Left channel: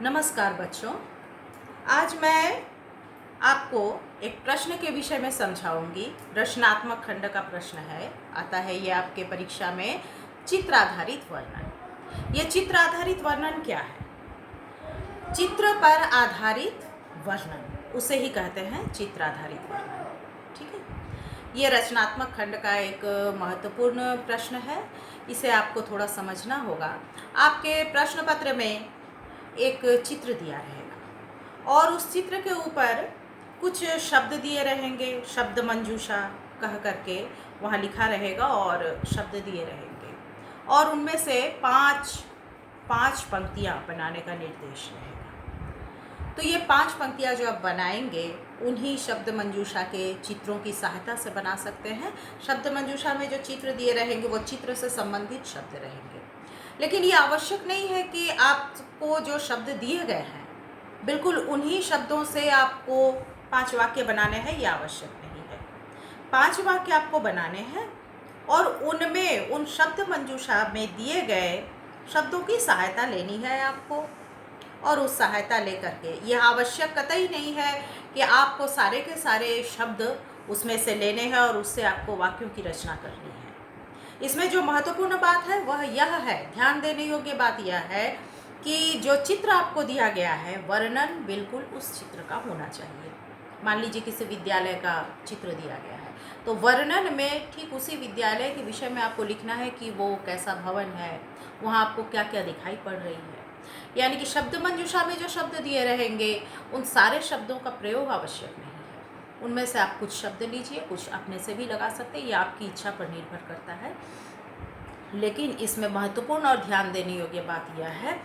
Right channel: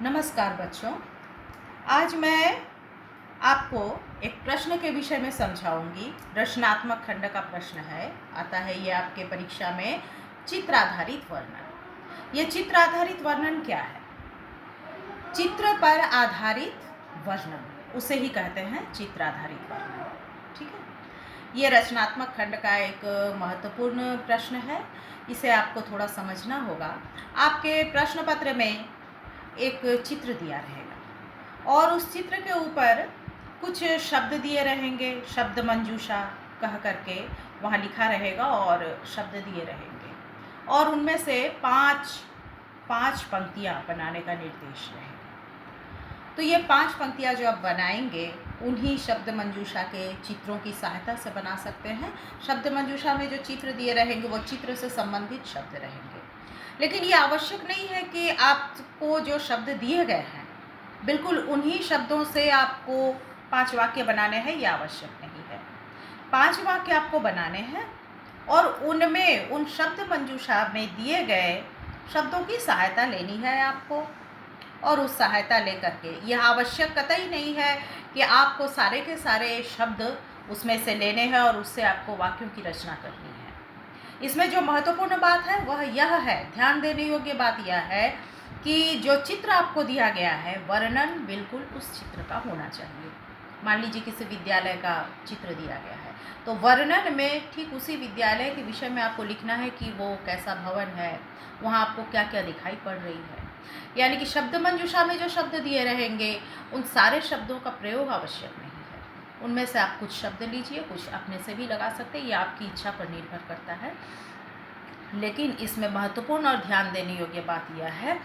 नमस्कार बच्चों। आज मैं आपको एक प्रश्न के विषय में समझाऊंगी। रचनात्मक खंड का प्रश्न है, आता है ये आपके परीक्षा में। चित्र आधारित वर्णन। ये चित्र आधारित वर्णन क्या है? चित्र पर आधारित वर्णन, उसे ही कहते हैं चित्र आधारित वर्णन। ठीक है, ये रचनात्मक खंड का एक महत्वपूर्ण प्रश्न है। इसे आपको थोड़ा समझना होगा। आपके प्रश्न पत्र में एक चित्र दिया रहेगा और उस चित्र के ऊपर कुछ शब्द दिए रहेंगे, शब्द मंजूषा कह करके वहाँ लिखा रहेगा और शब्द दिए रहेंगे और उनमें से पाँच पंक्तियाँ बनाने का निर्देश रहेगा। तो ये 5 पंक्तियाँ जो आप बनाएंगे उन्हीं शब्द मंजूषा के चित्रों की सहायता से बना सकते हैं। शब्द मंजूषा में जो चित्र दिए रहेंगे वो चित्र से संबंधित शब्द रहेंगे, लेकिन ये आवश्यक नहीं है कि आपको जो शब्द दिए गए हैं बिल्कुल उन्हीं शब्दों से आपको 5 वाक्य बनाने हैं, ये आवश्यक नहीं है। 5 वाक्य आपको बनाने हैं और उनमें उन शब्द मंजूषा में दिए गए शब्दों की सहायता लेनी है आपको। और उस सहायता लेकर के यह आवश्यक कतई नहीं है कि आपको सारे के सारे शब्द उसमें से लेने हैं और उससे आपको वाक्यों की रचना करनी है। इसमें जो महत्वपूर्ण बात है वह यह है, ध्यान देने योग्य बात यह है कि जो चित्र आपको दिया गया है वर्णन बिल्कुल उस चित्र का होना चाहिए। मान लीजिए किसी विद्यालय का चित्र दिया गया है तो वर्णन में ठीक उसी विद्यालय के विषय में आपको लिखना है कि वो कैसा भवन है, वहाँ आपको क्या क्या दिखाई पड़ रही है। यानी कि शब्द मंजूषा में जो शब्द दिए रहेंगे उन सारे शब्दों का प्रयोग आवश्यक नहीं है। उनमें से आप कुछ शब्द लीजिए, कुछ अपने से भी लगा सकते हैं, ये आपकी इच्छा पर निर्भर करता है। लेकिन इसमें महत्वपूर्ण और ध्यान देने योग्य बात यह है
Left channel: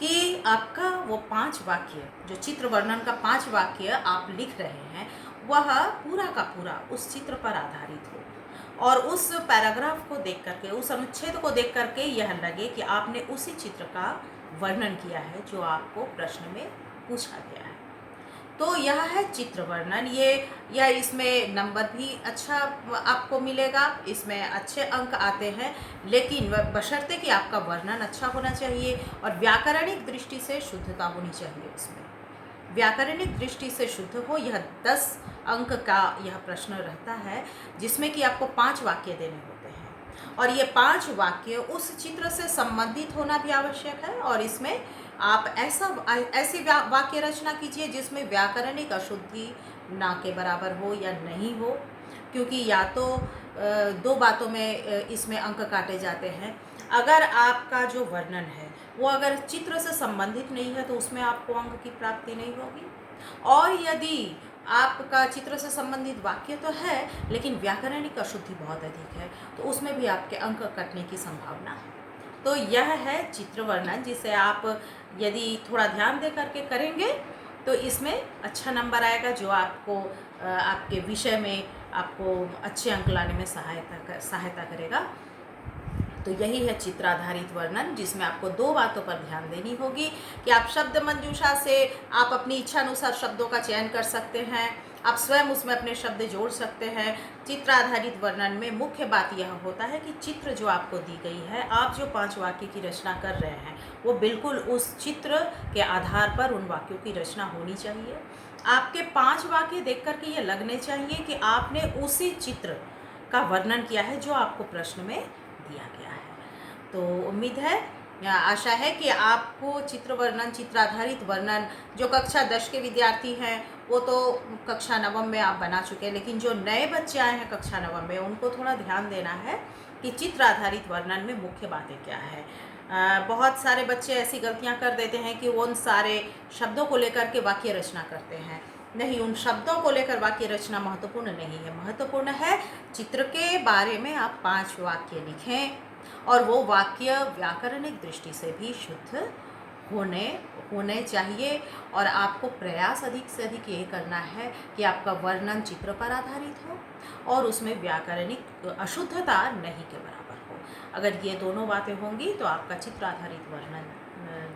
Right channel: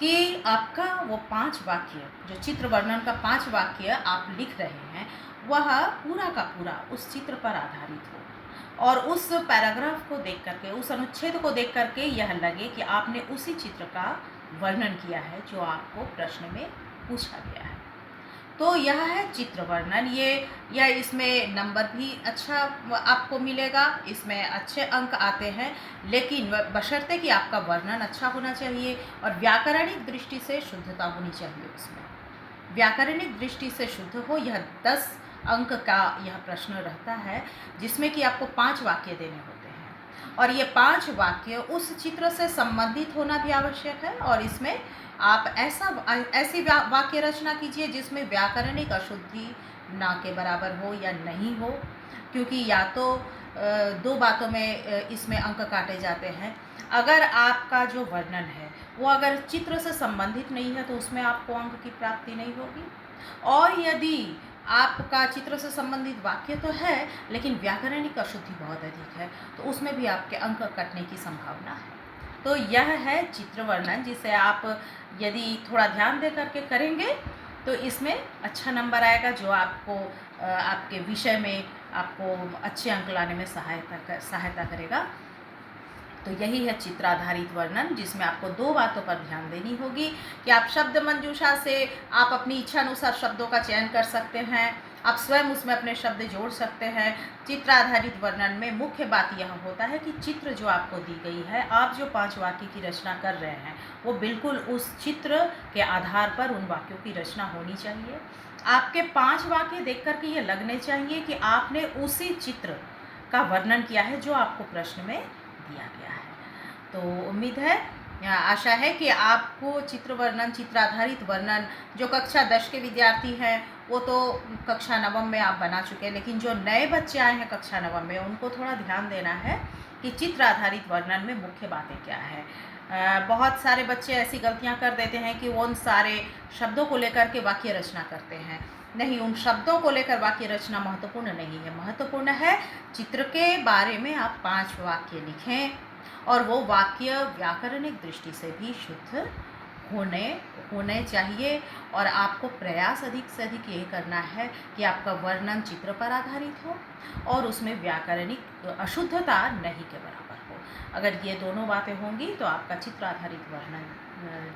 कि आपका वो 5 वाक्य, जो चित्र वर्णन का 5 वाक्य आप लिख रहे हैं वह पूरा का पूरा उस चित्र पर आधारित हो और उस पैराग्राफ को देख करके, उस अनुच्छेद को देख करके यह लगे कि आपने उसी चित्र का वर्णन किया है जो आपको प्रश्न में पूछा गया है। तो यह है चित्र वर्णन। ये या इसमें नंबर भी अच्छा आपको मिलेगा, इसमें अच्छे अंक आते हैं, लेकिन बशर्ते कि आपका वर्णन अच्छा होना चाहिए और व्याकरणिक दृष्टि से शुद्धता होनी चाहिए। उसमें व्याकरणिक दृष्टि से शुद्ध हो। यह 10 अंक का यह प्रश्न रहता है जिसमें कि आपको 5 वाक्य देने होते हैं और ये 5 वाक्य उस चित्र से संबंधित होना भी आवश्यक है। और इसमें आप ऐसी वाक्य रचना कीजिए जिसमें व्याकरणिक अशुद्धि ना के बराबर हो या नहीं हो, क्योंकि या तो 2 बातों में इसमें अंक काटे जाते हैं। अगर आपका जो वर्णन है वो अगर चित्र से संबंधित नहीं है तो उसमें आपको अंक की प्राप्ति नहीं होगी, और यदि आपका चित्र से संबंधित वाक्य तो है लेकिन व्याकरणिक अशुद्धि बहुत अधिक है तो उसमें भी आपके अंक कटने की संभावना है। तो यह है चित्र वर्णन, जिसे आप यदि थोड़ा ध्यान दे करके करेंगे तो इसमें अच्छा नंबर आएगा, जो आपको आपके विषय में आपको अच्छे अंक लाने में सहायता करेगा। तो यही है चित्र आधारित वर्णन, जिसमें आपको 2 बातों पर ध्यान देनी होगी कि आप शब्द मंजूषा से आप अपनी इच्छा अनुसार शब्दों का चयन कर सकते हैं, आप स्वयं उसमें अपने शब्द जोड़ सकते हैं। चित्र आधारित वर्णन में मुख्य बात यह होता है कि चित्र जो आपको दी गई है, आप जो 5 वाक्य की रचना कर रहे हैं वो बिल्कुल उस चित्र के आधार पर उन वाक्यों की रचना होनी चाहिए। आपके 5 वाक्य देख कर के ये लगने चाहिए कि आपने उसी चित्र का वर्णन किया है जो आपको प्रश्न में दिया गया है। तो उम्मीद है या आशा है कि आपको चित्र वर्णन, चित्र आधारित वर्णन, जो कक्षा 10 के विद्यार्थी हैं वो तो कक्षा 9 में आप बना चुके हैं, लेकिन जो नए बच्चे आए हैं कक्षा 9 में उनको थोड़ा ध्यान देना है कि चित्र आधारित वर्णन में मुख्य बातें क्या है। बहुत सारे बच्चे ऐसी गलतियां कर देते हैं कि वो उन सारे शब्दों को लेकर के वाक्य रचना करते हैं। नहीं, उन शब्दों को लेकर वाक्य रचना महत्वपूर्ण नहीं है। महत्वपूर्ण है चित्र के बारे में आप 5 वाक्य लिखें और वो वाक्य व्याकरणिक दृष्टि से भी शुद्ध होने चाहिए। और आपको प्रयास अधिक से अधिक ये करना है कि आपका वर्णन चित्र पर आधारित हो और उसमें व्याकरणिक अशुद्धता नहीं के बराबर हो। अगर ये दोनों बातें होंगी तो आपका चित्र आधारित वर्णन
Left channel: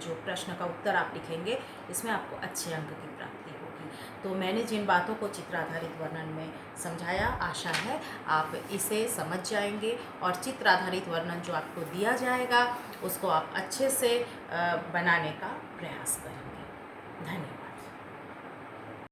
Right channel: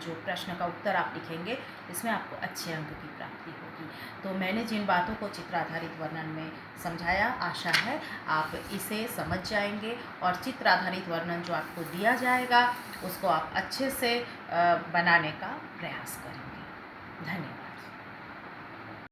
जो प्रश्न का उत्तर आप लिखेंगे इसमें आपको अच्छे अंक की प्राप्ति होगी। तो मैंने जिन बातों को चित्र आधारित वर्णन में समझाया, आशा है आप इसे समझ जाएंगे और चित्र आधारित वर्णन जो आपको दिया जाएगा उसको आप अच्छे से बनाने का प्रयास करेंगे।